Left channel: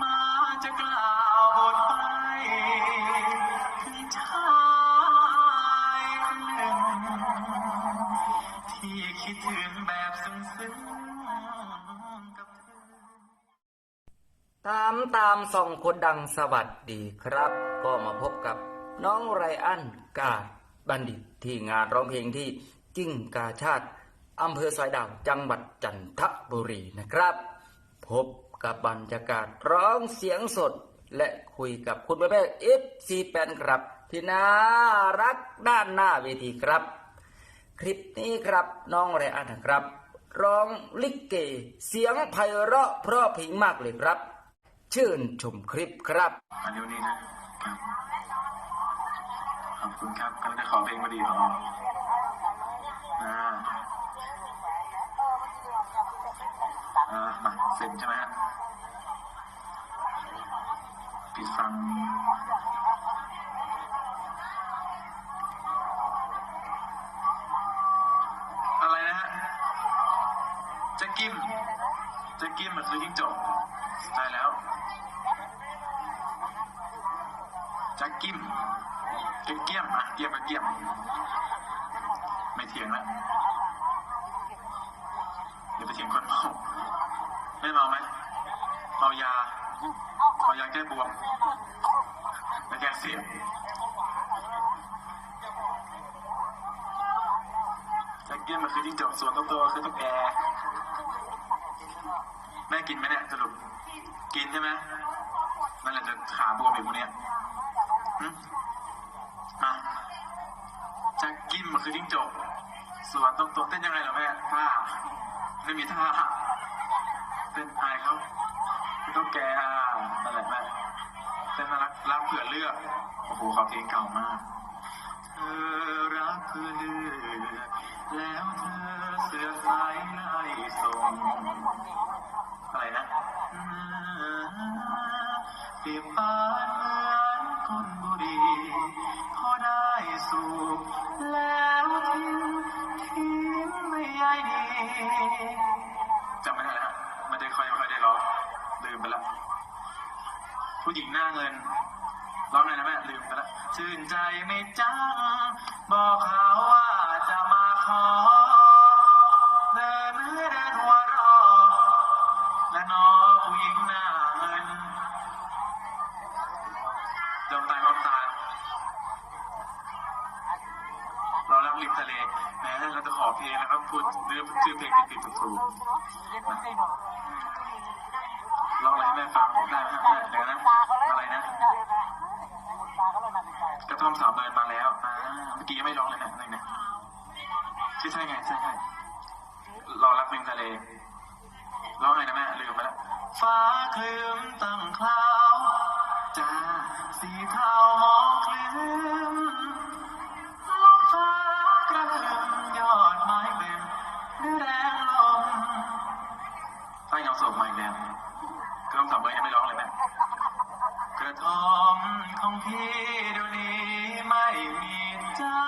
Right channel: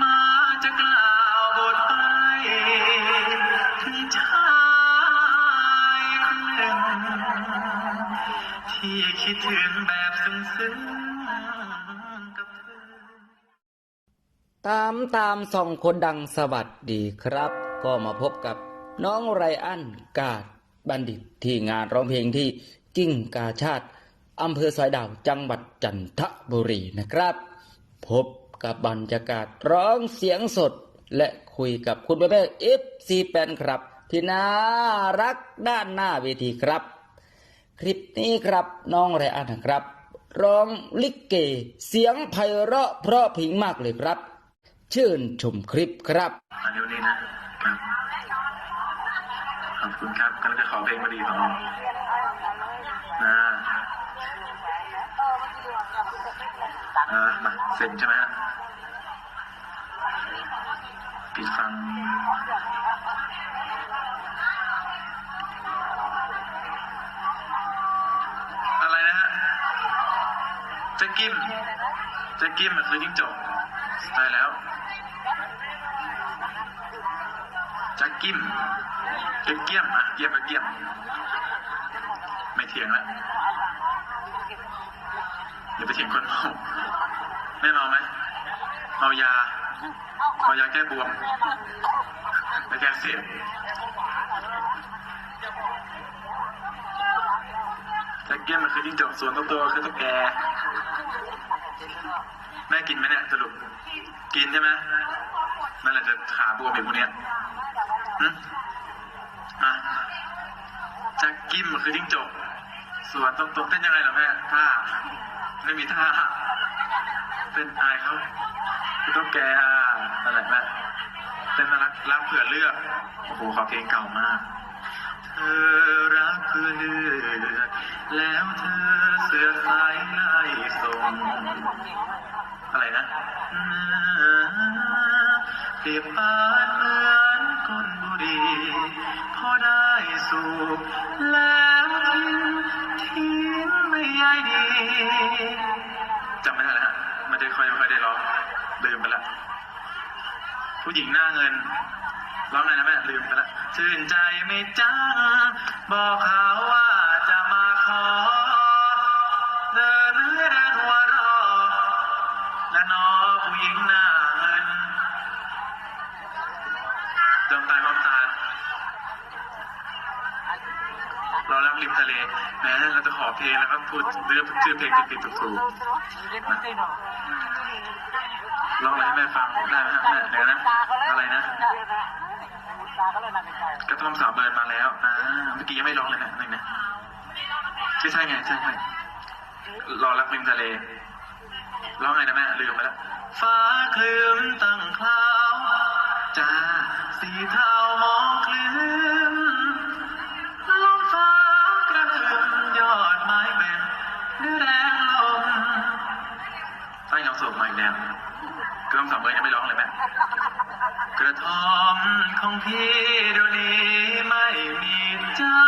มาจะกล่าวบทไปถึงชายคนหนึ่ง ที่คิดถึงแบบซึ้งๆกับเธอ ตามตามส่องคนดังสวัสดีครับ ก็มาพบกับน้องไรอันกาดบัณฑิตที่งานร้องเพลงที่กิ้งกาชาติอำเภอสายดาวจังหวัดจันทบุรีนะครับ พบ กับบรรยากาศร้องเสียงสด และคุยกับคุณแม่แม่เอฟซีแปนครับ ที่น่ารักด้านหน้าเวทีครับ คลิปนี้ครับน้องไรอันครับ ร้องลิเก เสียงไพเราะเพราะพิงมากเลยครับ ชื่นชมคลิปครับอันนี้วันนี้นะครับขอบคุณครับกำลังจะขอเพลงมาดีของนะ อ่ามาเซ็นใช่ไหมฮะปิดฟังอะไรนะฮะจ็กกิมจ็กกิมมันคือจิ้งจกตายแล้วจะกิมเก็บเกี้ยมอะเกี้ยมกับเกี้ยม ไม่เถียงแล้วอย่าไปเถียงคนเมา แน่นอนไหมเมายาเมายาแก้บวมและแก้เสียงจะเกี้ยมมันคือจิ้งจกส่วนตัวตัวคือตุ๊กแกแม่กินไหมเนี่ยสรุปกินใช่ไหมนั่นแหละจะขาบวมแบบพวกเนี้ยหึอะจักกิมมันคือจิ้งจกส่วนตรงตรงๆเต้นยังไงล่ะแม่ท่าไม่มีท่า เต้นอายเขาต้องแกอะนั่นแหละแม่เต้นน่ารักรักเผื่อเลือกโอ้โหขอเพลงเก่ามากเธอรักเพื่อเลือกแล้วเธอเสือกสายไล่ส่งอะไรนะเปรียบปานเหมือนคนบุรีพอได้สูบแล้วทิ้งทิ้งไม่ใยดีจำไม่ได้แล้ว ไม่ได้ค่อยไม่ค่อยได้ร้องลืมไปละผู้หญิงหน้าเงินร้องไงนะแม่ลืมไปละชื่นใจไม่จ้าบอกเขาว่าจะมาขอเดินเรือเดินหัวรอและนอผู้หญิงหน้าเงินดวงตาความตาเราลักริมทะเลแม้เราจะขอเพลงแล้วก็พูดเรื่องชื่อเพลงติดๆถูกๆร้องอะไรให้ แม่ฟังได้ไหมฮะแม่เดี๋ยวนะอะไรนะกระท่อมสาวเบิร์นมาแล้วอ่าเมื่อกี้ยังไม่ร้องเลยฮะนึงนะใช่ใช่ไงใช่ใช่รอรักริมทะเลร้องไงนะแม่ลืมไปแล้วฟ้าคลืมตั้งคลา อมสองเบอร์ยังไม่ร้องเลยแม่กระท่อมของพี่เดี๋ยวนี้ไม่มีเจ้า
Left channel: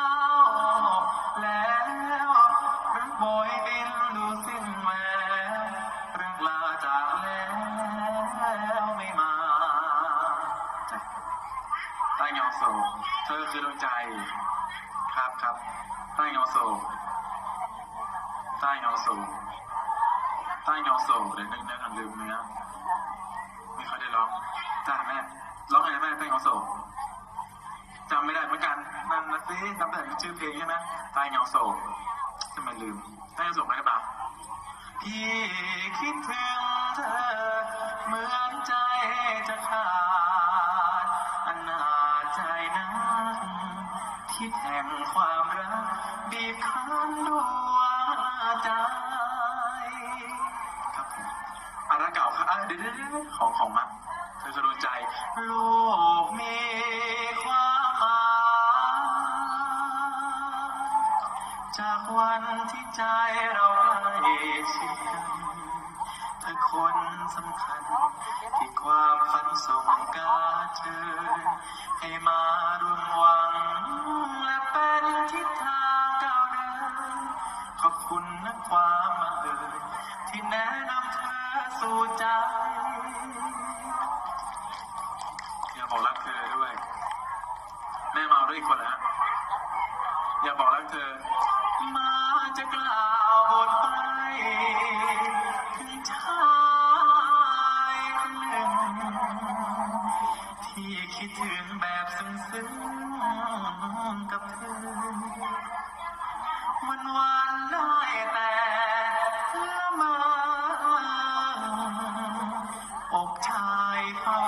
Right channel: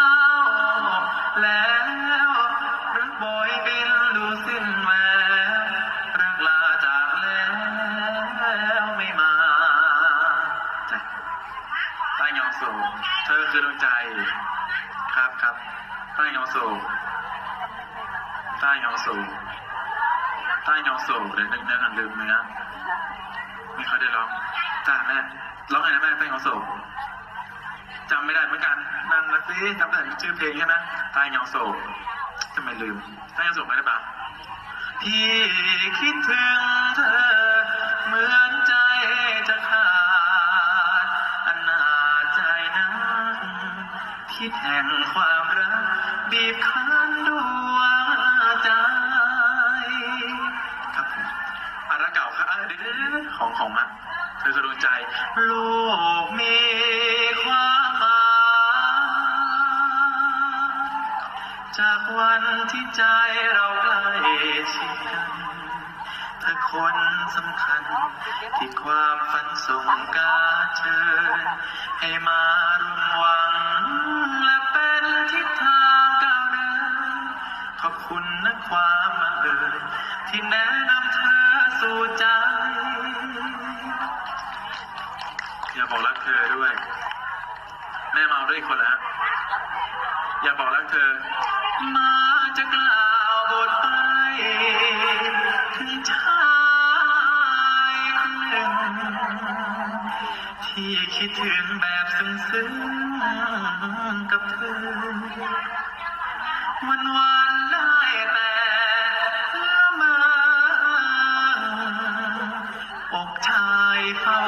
แล้วรักบอยบินดูสิ้นแววรักลาจากแล้วไม่มาจ้ะใต้เงาโศกเธอคือดวงใจ ครับครับใต้เงาโศกใต้เงาโศกใต้เงาโศกเดี๋ยวนึกเนื้อกันลืมเนื้อ ไม่ค่อยได้ร้องจ้าแม่ร้องไงนะแม่ใต้เงโศกจำไม่ได้เหมือนกันนั่นนะสิจำแต่ชื่อเพลงใช่ไหมใต้เงาโศกทำไมลืมใต้เงาโศกไหม่ได้ปะพี่คิดถึงเธอเหมือนใจจะขาดอนาจใจนักที่แห่งความรักบีบคั้นดวง ดี๋ยวเดี๋ยของของมาเธอคือดวงใจ โลกมีความหมายจากวันที่ใจเราใกล้ชิดกันเธอคนสำคัญ ที่ความฝันส่งการเชิญ ให้มาร่วมหวัง และเป็นทิศทางก้าวเดินขอบคุณนะความบังเอิญที่แนะนำเธอสู่ใจ บอกรักเธอด้วย แม่เอาด้วยคนแล้วอย่าบอกรักเธอ มาจะกล่าวบทไปถึงชายคนหนึ่งที่คิดถึงแบบซึ้งๆกับเธอ วันวันได้แต่ละมออกชายเฝ้า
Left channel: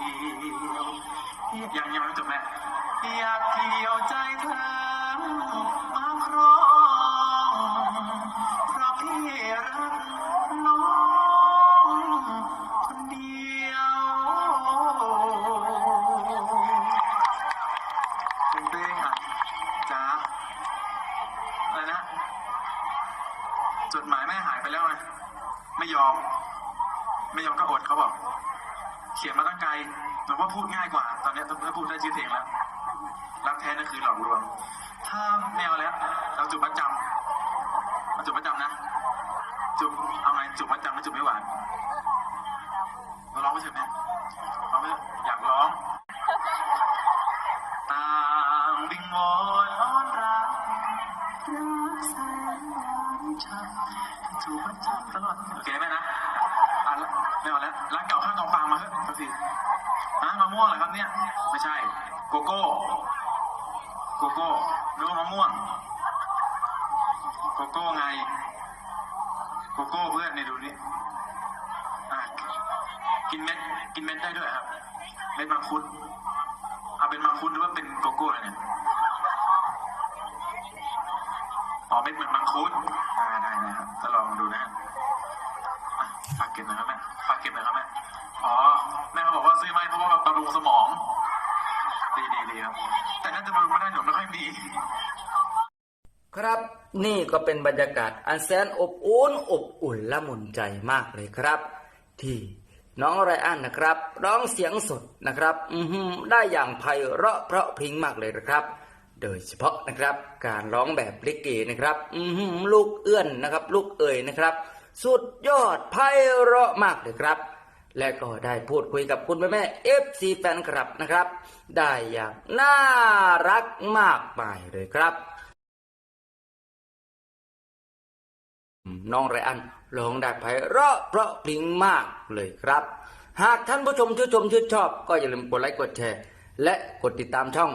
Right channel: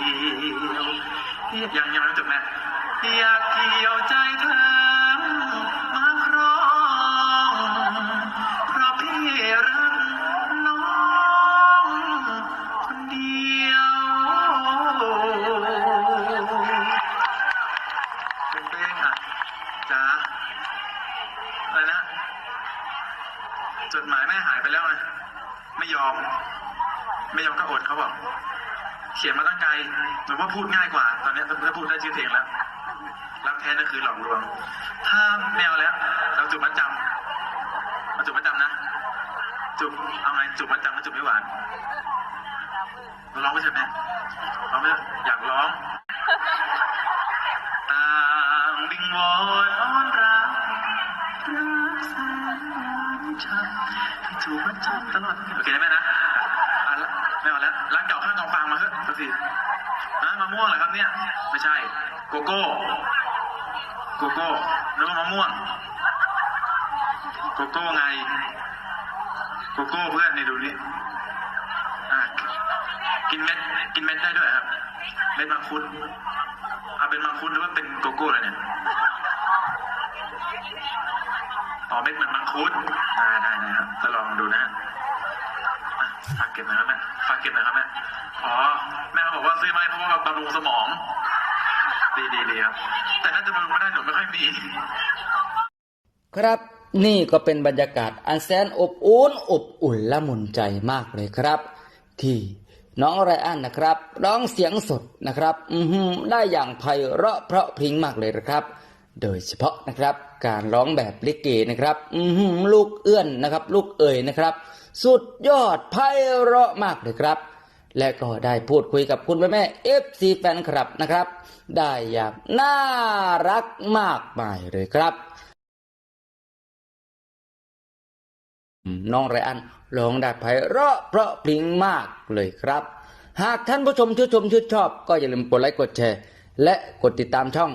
ที่ยวยังยังไม่จบแม่อยากเกี่ยวใจเธอมาครองเพราะพี่รักน้องคนเดียวเป็นเพลงอะจ้าอะไรนะจดหมายแม่หายไปแล้วไงไม่ยอม ไม่ยอมก็อดเขาบอก เขียนมาตั้งไกลหนูว่าพูดง่ายกว่า ตอนนี้ถ้าพูดได้ชื่อเพลงแล้ว รักแท้นั่นคือหลอกลวง ถ้าแมวแล้ว เราจุบมัดจำเราจุบมัดจำนะ จุบเอาไงจุบมัดจำแล้วจุบไม่หวานเราร้องไม่ใช่แม่ร้องไม่อยากร้องต่างวิงวอนอ้อนรักรักแสนหวานช้ำให้ถูกมัดจำตลอดโอเคได้ไหมนะ ไม่เอาแล้วร้านเก่าข้างกองฟางมาเถอะสักทีฮะมะม่วงเหรอครับเนี่ย ไม่ใช่ โกโก้ โกโก้นึกว่ามะม่วง โกโก้ไง โกโก้เพื่อนนี่ดูนี่อะกินเม็ด กินเม็ดได้ด้วยครับ เม็ดมังคุดเอาเป็นมังคุดหรือว่าเป็นโกโก้เลยเนี่ยอ๋อเม็ดเหมือนมังคุดได้ได้นะครับจะลองดูนะฮะ ฝากเก็บหน่อยครับแม่ฝากเก็บหน่อยครับแม่อ๋อแม่เขาบอกว่าซื้อมาให้เพราะว่าบำรุงสมอง ดีดีดีครับ แต่น่าจะบำรุงไม่ได้หนูไม่ค่อยมีครับนี่ก็เป็นบรรยากาศอันแสนอบอุ่นอบอุ่นละมุนใจมากเลยครับ ที่น้องไรอันนะครับ ร้องเสียงสดนะครับ อือหือได้อย่างไพเราะเพราะพริ้งมากเลยนะครับ โดยเฉพาะนะครับ การร้องแบบลิเกนะครับ อือหือลูกเอื้อนนะครับ ลูกเอ่ยนะครับ สุดยอดไพเราะมากเลยครับ และก็ได้พูดคุยกับคุณแม่แม่เอฟซีแฟนคลับนะครับ ได้อย่างน่ารักมากมายเลยครับ น้องไรอันร้องได้ไพเราะเพราะพริ้งมากเลยครับ หากท่านผู้ชมชื่นชมชื่นชอบ ก็อย่าลืมกดไลค์กดแชร์ และกดติดตามช่อง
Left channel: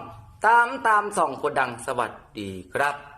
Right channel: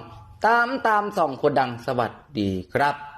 ตามตามส่องคนดังสวัสดีครับ